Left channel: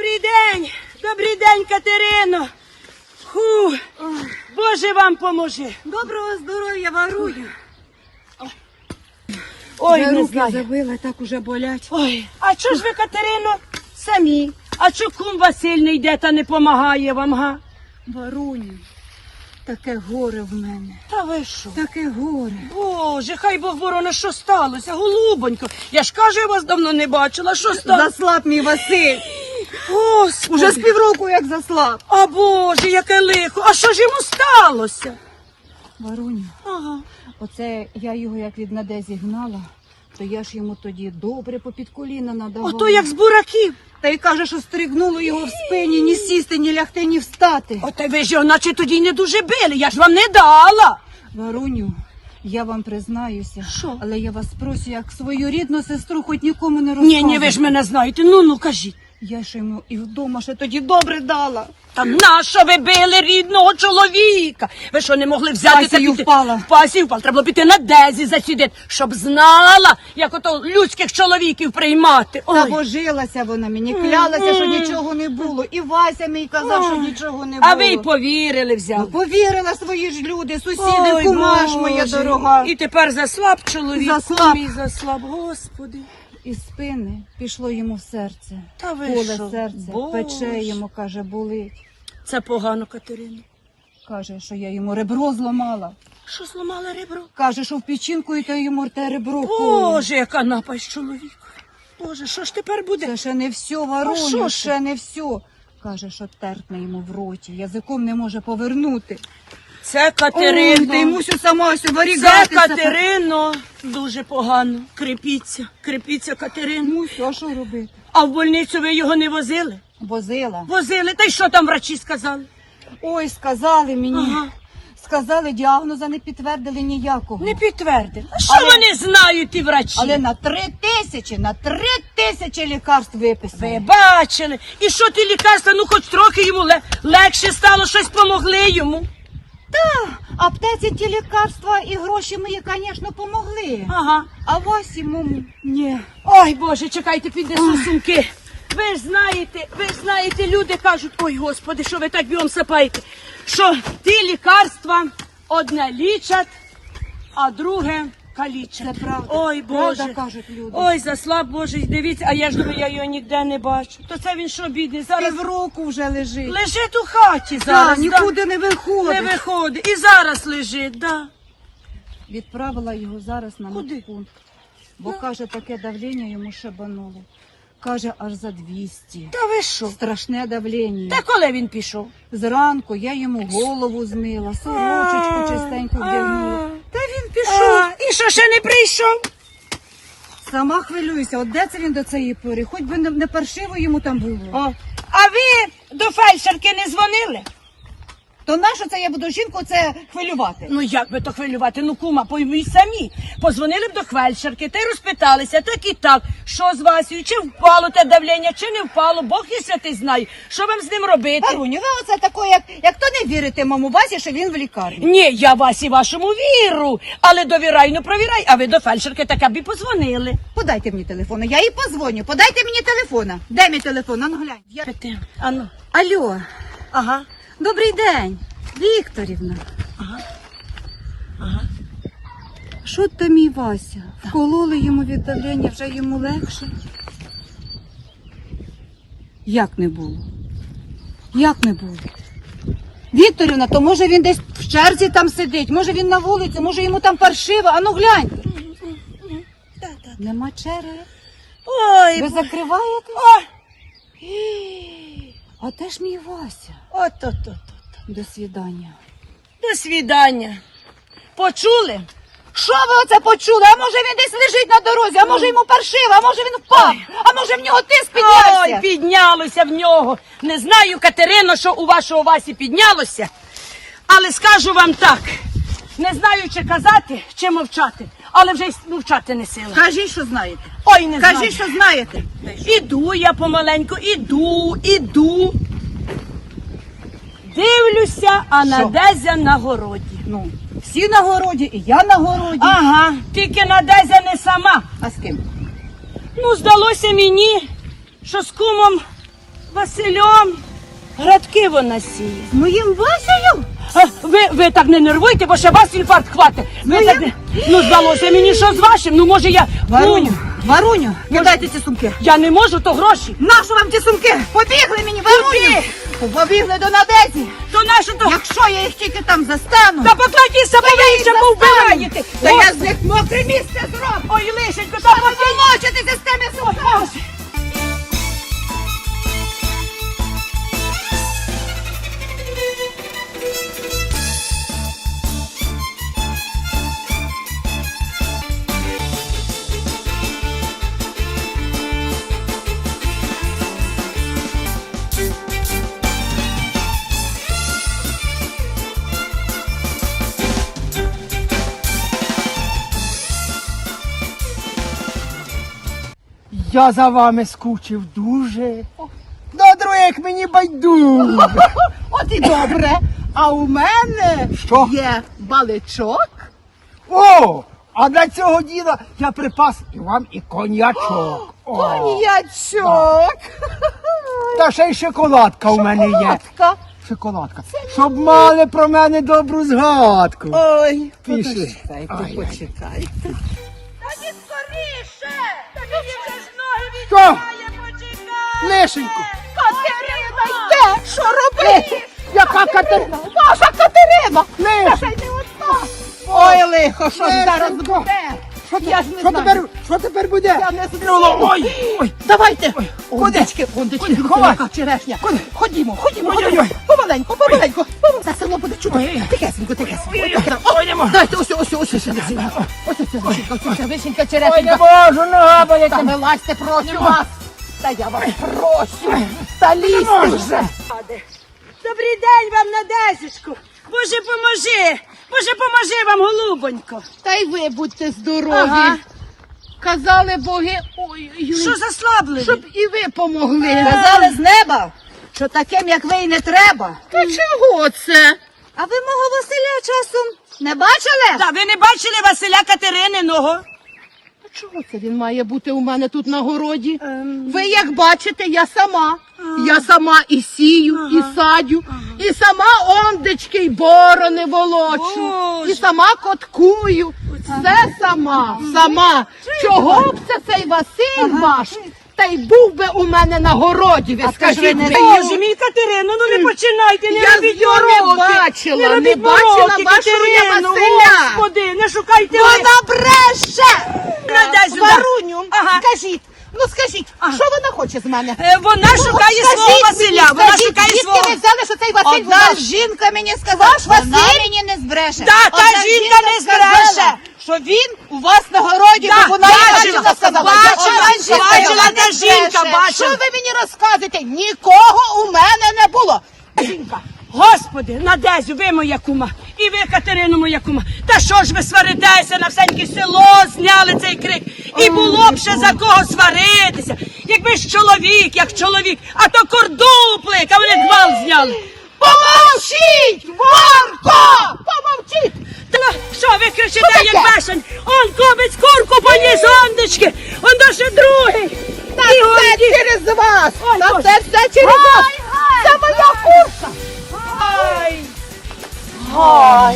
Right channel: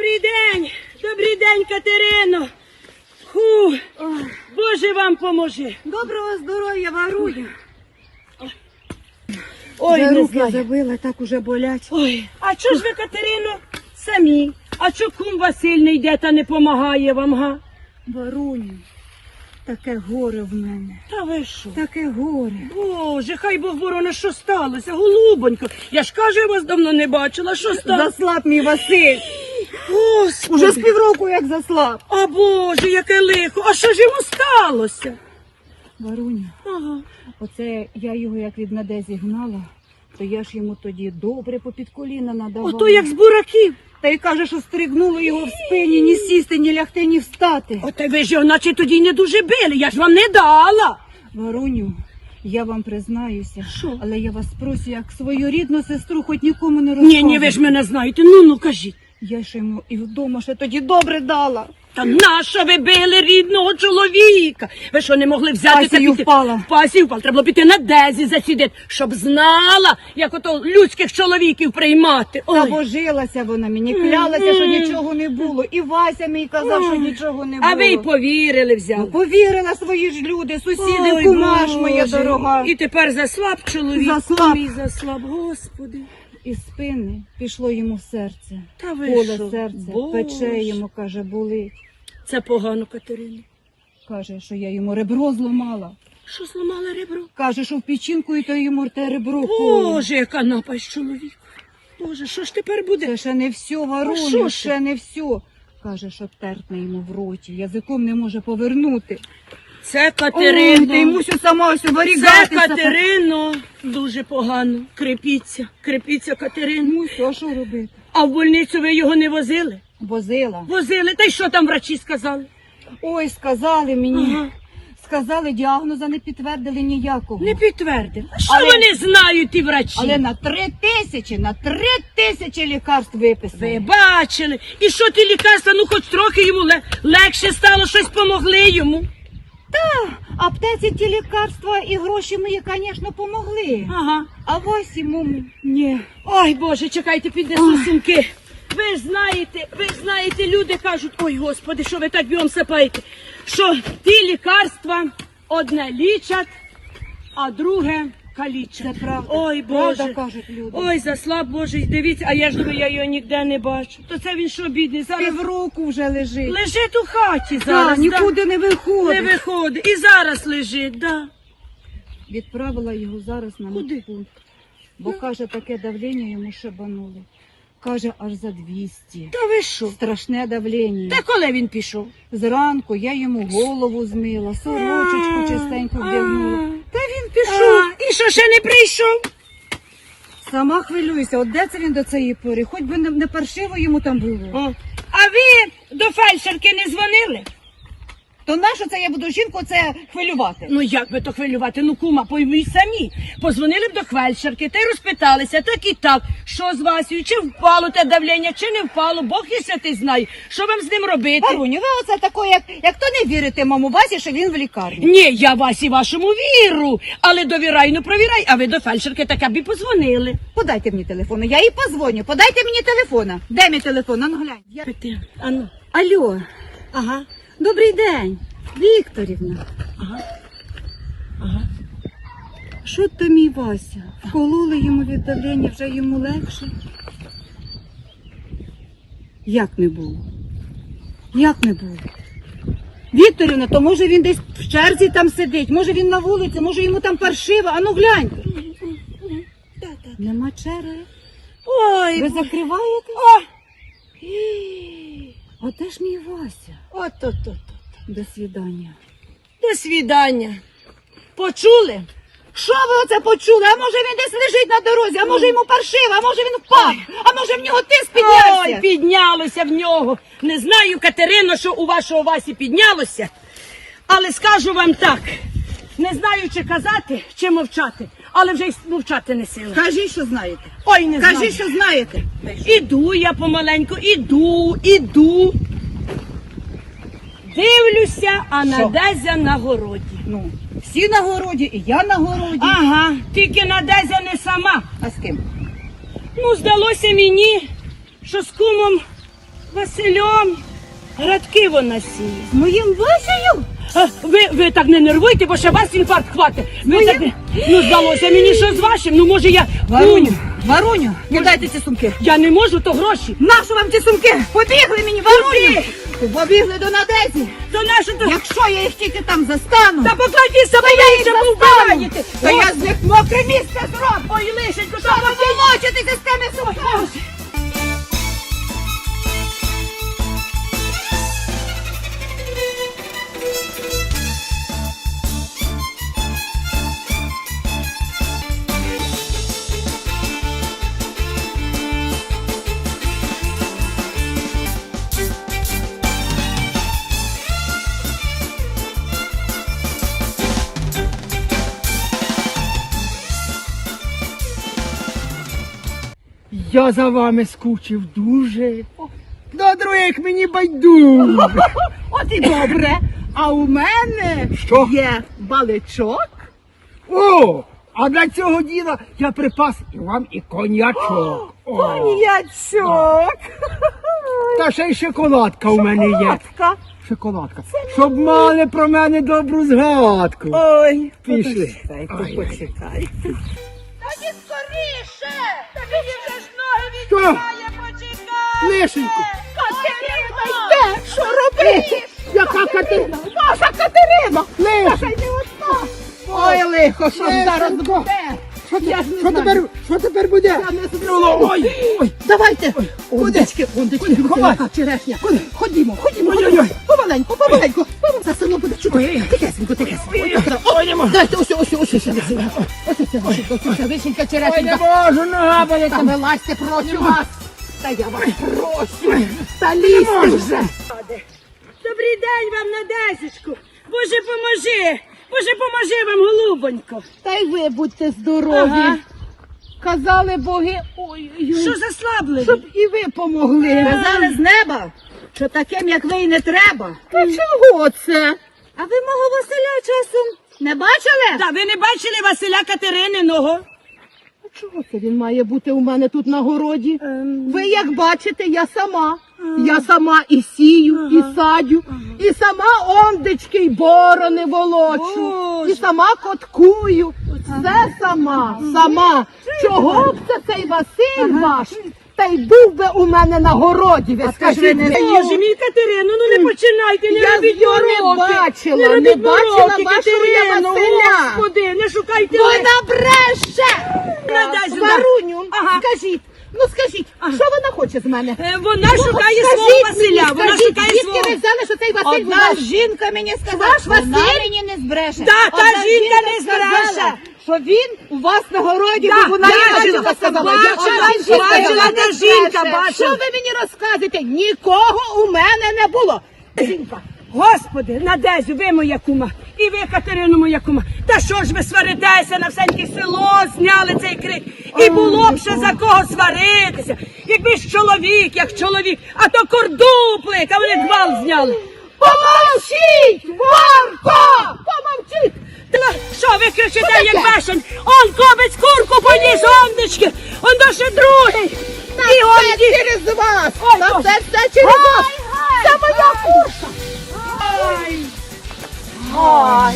Добрий день, добрий день, Катерино. Фу, Боже вам поможи. Доброго здоров'я, Варуня. Ой, Я не руки знаю. забила, так уже болять. Ой, а чого ж ви, Катерино, самі? А чого кум Василь не йде та не помагає вам, га? Варуню, таке горе в мене. Та ви що? Таке горе. Боже, хай Бог ворона, що сталося, голубонько. Я ж кажу, я вас давно не бачила, що сталося? Заслаб мій Василь. Господи. Уже з півроку як заслаб. А Боже, яке лихо. А що ж йому сталося? Варуню, Ага. оце я його як від Надезі гнала, то я ж йому тоді добре попід коліна надавала. Ото як з бураків. Та й каже, що стригнуло його в спині, ні сісти, ні лягти, ні встати. Ота ви ж його наче тоді не дуже били, я ж вам не дала. Варуню, я вам признаюся, Що? але я вас прошу, як свою рідну сестру, хоч нікому не Ні, ні, ви ж мене знаєте. Ну ну кажіть. Я ж йому і вдома ще тоді добре дала. Та нащо ви били рідного чоловіка? Ви що не могли взяти та піти? впала. Пасію впала. Треба було піти на дезі засідати, щоб знала, як ото людських чоловіків приймати. Та божилася вона мені, клялася, що нічого не було. І Вася мій казав, що нічого не було. А ви й повірили Ну, взяли. повірила свої ж люди, сусіди, Ой, кума моя Боже. дорога. І тепер заслаб чоловік. Заслаб. Мій заслаб, господи. Із спини пішло йому в серце. Та ви Поле що? серце, Боже. пече йому, каже, болить. Це погано, Катерина. Каже, що я йому ребро зламала. Що зламали ребро? Каже, що в печінку і то йому те ребро коло. Боже, яка напасть чоловіка. Боже, що ж тепер буде? Це ще не все, що Варуню, ж? ще не все. Каже, що тертне йому в роті, язиком не може повернути. Це Ой, Катерино. та й мусю сама ось Це. Катерино. Дуже погано. Крепіться, крепіться, Катерино. Мусю, а що робити? А в больницю ви його не возили? Возила. Возили. Та й що там врачі сказали? Ой, сказали мені. Ага. Сказали, діагноза не підтвердили ніякого. Не підтвердили. А що Але- вони знають, ті врачі? Але на три тисячі, на три тисячі лікарств виписали. Ви бачили. І що ті лікарства, ну хоч трохи йому ле- легше стало, щось помогли йому. Аптеці ті лікарства і гроші мої, звісно, помогли. Ага. А вас йому ні. Ой, Боже, чекайте, піднесу сумки. Ви ж знаєте, ви ж знаєте, люди кажуть, ой, господи, що ви так бігом сапаєте, що ті лікарства одне лічать, а друге калічать. Це правда. Ой, Правда, кажуть люди. Ой, заслаб Боже, дивіться, а я ж думаю, я його ніде не бачу. То це він що, бідний, зараз Півроку вже лежить. лежить у хаті зараз. да. нікуди не виходить. Не виходить. І зараз лежить, да. Відправила його зараз на Куди? медпункт. Бо каже, таке давлення йому шибануло. Каже, аж за 200. Та ви що? Страшне давлення. Та коли він пішов? Зранку я йому голову змила, сорочечку чистенько вдягнула. Та він пішов. А, і що ще не прийшов? Сама хвилююся, от де це він до цієї пори? Хоч би не, не паршиво йому там було. О. А ви до фельдшерки не дзвонили? То нащо це я буду жінку це хвилювати? Ну як би то хвилювати? Ну кума, пойміть самі. Позвонили б до фельдшерки та й розпиталися, так і так, що з Васею, чи впало те давлення, чи не впало, Бог і святий знає. Що вам з ним робити? Варуню, ви оце тако, як, як то не вірите маму Васі, що він в лікарні. Ні, я Васі вашому віру, але довірай, ну провірай, а ви до фельдшерки така б і позвонили. Подайте мені телефону, я їй позвоню. Подайте мені телефона. Де мій телефон? А ну глянь. Я... А ну. Алло, Ага. Добрий день. Вікторівна. Ага. Ага. Що то мій Вася? Вкололи йому від давлення, вже йому легше. Як не було? Як не було? Вікторівна, то може він десь в черзі там сидить, може він на вулиці, може йому там паршиво, а ну гляньте. Нема черги. Ой, Ви закриваєте? О! А де ж мій Вася? От-от-от. До свідання. До свідання. Почули? Що ви оце почули? А може він десь лежить на дорозі, а може йому паршиво, а може він впав, а може в нього тиск піднявся? Ой, піднялося в нього. Не знаю, Катерино, що у вашого Васі піднялося, але скажу вам так. Не знаю, чи казати, чи мовчати, але вже й мовчати не сила. Кажіть, що знаєте. Ой, не знаю. Кажіть, що знаєте. Іду я помаленьку, іду, іду. Дивлюся, а Що? Надезя на городі. Ну, всі на городі, і я на городі. Ага, тільки Надезя не сама. А з ким? Ну, здалося мені, що з кумом Василем градки вона сіє. Моїм Васею? А, ви, ви так не нервуйте, бо ще вас інфаркт хватить. Ну, так, ну здалося мені, що з вашим, ну може я. Варуню, Ну, Варуню, віддайте ці сумки. я не можу, то гроші. Нашу вам ці сумки? Побігли мені, Варуню! Побігли до Надезі. То нашого... Якщо я їх тільки там застану, Та поплаті себе, застану. повбираєте. то я з них мокре місце зроблю. Ой, лишенько, Та помолочитися з тими сумками. Я за вами скучив дуже. До других мені байдуже. От і добре. А у мене Що? є баличок. О! А для цього діла я припас і вам і коньячок. О, Коньячок. Та ще й шоколадка у мене є. Шоколадка. Шоколадка. Щоб мали про мене добру згадку. Ой, Пішли. почекайте, Ай, ай. почекайте. Що? Лишеньку. Катерина йде! Що робити? Яка Катерина? Ваша Катерина! Лишеньку. Ой, лихо, що Лишенько. зараз буде? Я ж не Що знаю. тепер, що тепер буде? Я не знаю. Ой, ой. Давайте. Ой, Ондечки, ондечки, Ховай. черешня. Ходімо, ходімо, Ой, ходімо. ой, ой. Помаленьку, помаленьку. Це село буде чути. Ой. Тихесенько, тихесенько. Ой, можу. Дайте ось, ось, ось, ось, ось, ось, ось, ось, вишенька, Ой, не можу, нога болить. Та вилазьте, прошу вас. Та я вас прошу. Та лізьте. Добрий день вам, Надесечку. Боже, поможи. Боже, поможи вам, голубонько. Та й ви будьте здорові. Ага. Казали боги, ой, Що заслабли? щоб і ви помогли. Казали з неба, що таким, як ви, і не треба. Та чого це? А ви мого Василя часом не бачили? Та ви не бачили Василя Катерининого? А чого це він має бути у мене тут на городі? Ем. Ви як бачите, я сама. Я сама і сію, і садю, і сама ондечки й борони волочу, Боже. і сама коткую. Все сама, сама. Чого б це цей Василь ваш? Та й був би у мене на городі, ви скажіть мені. Боже мій Катерину, ну не починайте, не Я робіть його не мороки. бачила, робіть не бачила мороки, вашого я Катерину, Василя. Господи, не шукайте Вона бреше! Надай сюди. Варуню, Ага. скажіть, ну скажіть, що вона хоче з мене? Е, Вона шукає Скажіть свого Василя, мені, вона скажіть, шукає звідки свого. ви взяли, що цей Василь Одна ваш? жінка мені сказала, що вона Василь? мені не збреше. Да, та Одна жінка не сказала, збреше. Що він у вас на городі, бо вона бачила, бачила, сказала. бачила, жінка, бачила, вона не жінка, бачила. Що ви мені розказуєте? Нікого у мене не було. Жінка. Господи, Надезю, ви моя кума, і ви, Катерину, моя кума. Та що ж ви сваритеся на всеньке село, зняли цей крик. І було б ще за кого сваритися. Якби ж чоловік, як чоловік, а то кордуплик, а вони гвалт зняли. Помовчіть! Варко! Помовчіть! Та що ви кричите, як бешен? Он кобець курку поніс, ондечки, он до ще другий. І он Це ді- через вас! Ой, На ой. це все через вас! Це моя курка! Ай. Ай.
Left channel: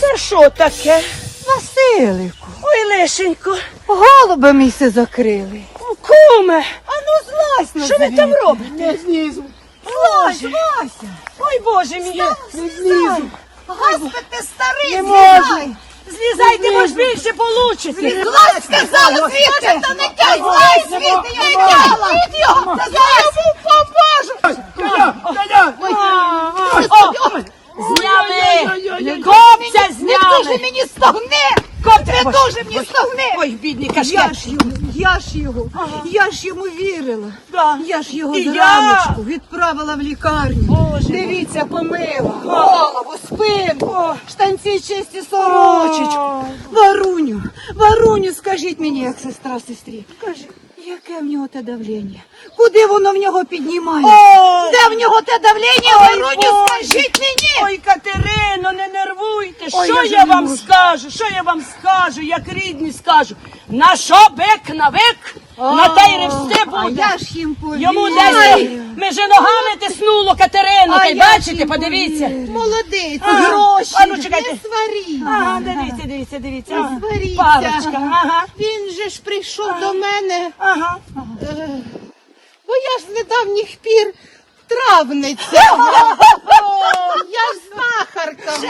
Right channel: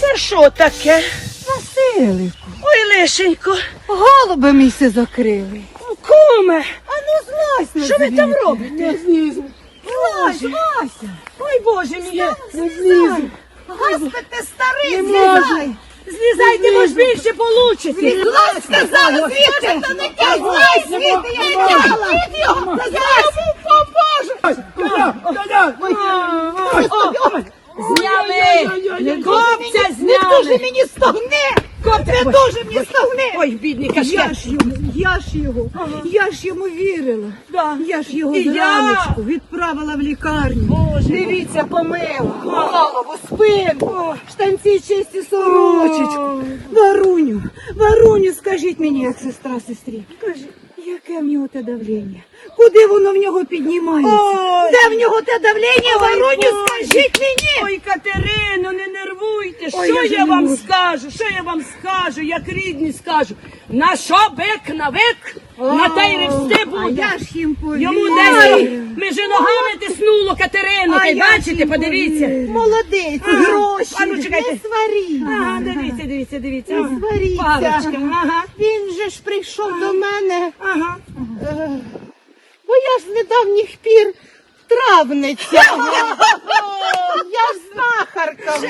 Це що таке? Василику, Ой, лишенько. голуби місце закрили. Куме, А ну злазь на що ви там робите? Не знизу. Злазь, Вася. Ой, Боже мій. Не знизу. Господи, ти старий, Не злізай. можу. Злізайте, бо ж більше получите. Злазь, сказала, звідти. Та не тягай звідти, я не тягла. Відео, я йому поможу. Коля, коля. Зняли. Копця дуже зняли. мені стогни. Не дуже мені стогни. Ой, бідний Я каштан. ж йому, я ж його, я ж йому вірила. Да. Я ж його І я. зраночку відправила в лікарню. Дивіться, помила, голову, спину, штанці чисті сорочечку. Варуню, Варуню, скажіть мені, як сестра сестрі. Кажу, яке в нього те давлення? Куди воно в нього піднімає? Ой. Де в нього те давлення? Ой, Вороню, Боже. скажіть мені! Ой, Катерино, не нервуйте. Ой, що я я, вже не вам можу. скажу? Що я вам скажу, як рідні скажу? На що бик на вик? на те й ревсти А буде. я ж їм повірю. Йому десь ми ногами тиснуло. А я ж бачите, їм подивіться. повірю. Молодець, гроші. А ну, чекайте. Не сваріть. Ага, дивіться, дивіться, дивіться. Не Ага. сваріться. Парочка. Ага. Він же ж прийшов до мене, Ага. е, бо я ж з недавніх пір травниця. Я ж знахарка вже.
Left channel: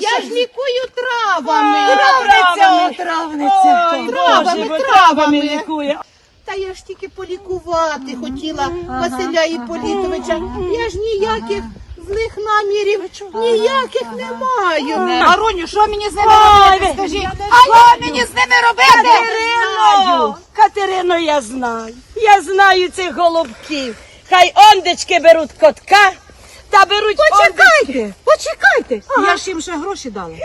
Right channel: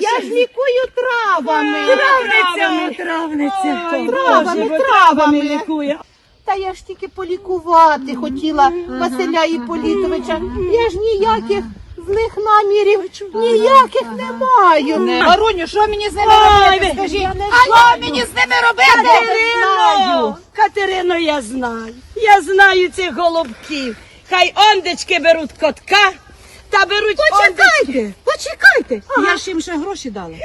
Я ж лікую травами. Травниця, травниця. Травами, травами. Та я ж тільки полікувати хотіла Василя Іполітовича. Я ж ніяких злих намірів ніяких не маю. Гаруню, що мені з ними робити? Скажіть, що мені з ними робити? Катерину! Катерину, я знаю. Я знаю цих голубків. Хай ондечки беруть котка, та беруть Почекайте, почекайте. Я ж їм ще гроші дала.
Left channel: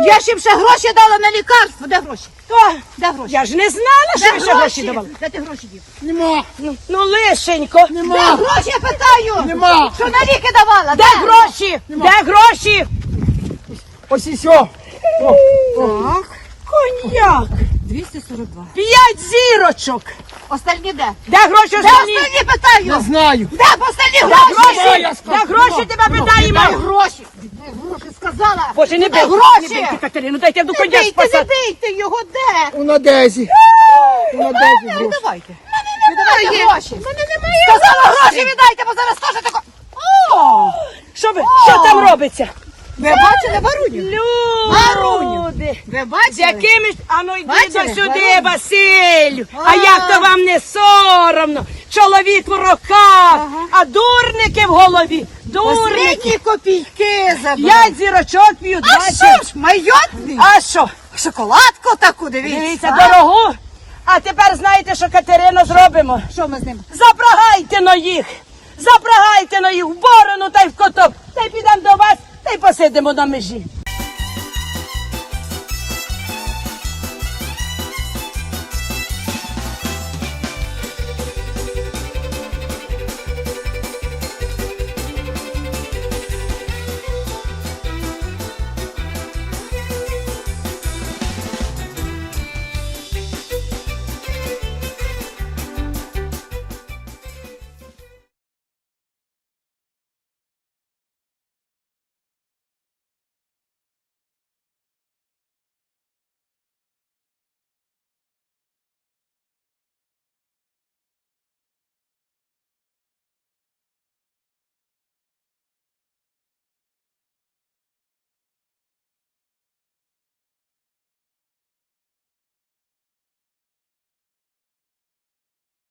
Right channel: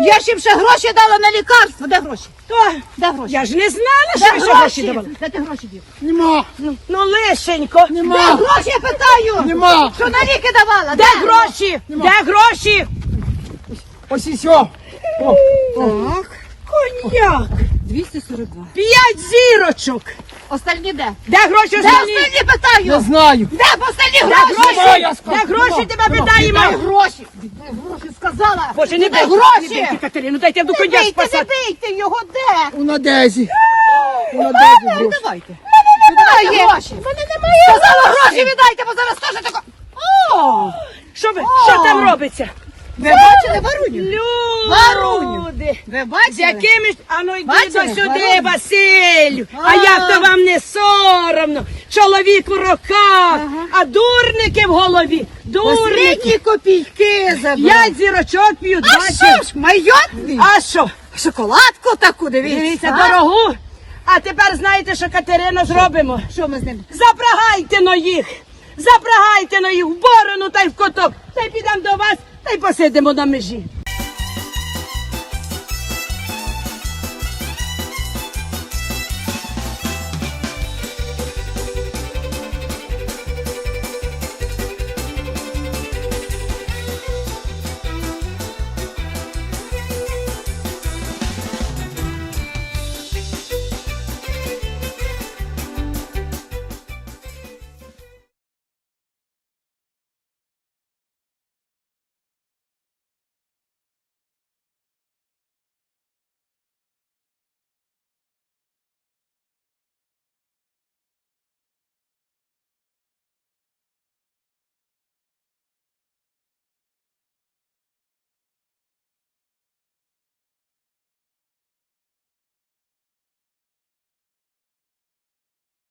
Я ж їм ще гроші дала на лікарство. Де гроші? О, Де гроші? я ж не знала, Де що ви гроші гроші? давали. Де ти гроші дів? Нема, Ну, лишенько. Де гроші, я питаю? нема. Що на ліки давала? Де гроші? Де гроші? Ось і все. О, о. Коньяк. 242. П'ять зірочок. Остальні де? Де гроші Де останні? остальні питаю? Не знаю. Де остальні гроші? гроші? я Де сказав. гроші тебе Де гроші? Де гроші сказала? Боже, не Де гроші? Не бийте, Катерину, дайте я до коня бийте, не спасати. бийте його, де? У Надезі. У Надезі гроші. Давайте. Віддавайте гроші. Сказала гроші віддайте, бо зараз теж тако. О, що, ви, що там робиться? Ви бачили Варуню? Люди. Ви З бачили? якими ж... А ну йди Бачили? сюди, Варуню? Василь. А, А. як то вам не соромно? Чоловік в руках, а дурники в голові. Дурники. Посередні копійки забрали. П'ять зірочок п'ють, А бачиш? що ж, майотний? А що? Шоколадку таку, дивіться. Дивіться, а? дорогу. А тепер знаєте, що Катерино зробимо? Що ми з ним? Запрагайте на їх! Запрагайте на їх в борону та й в коток. Та й підемо до вас та й посидимо на межі.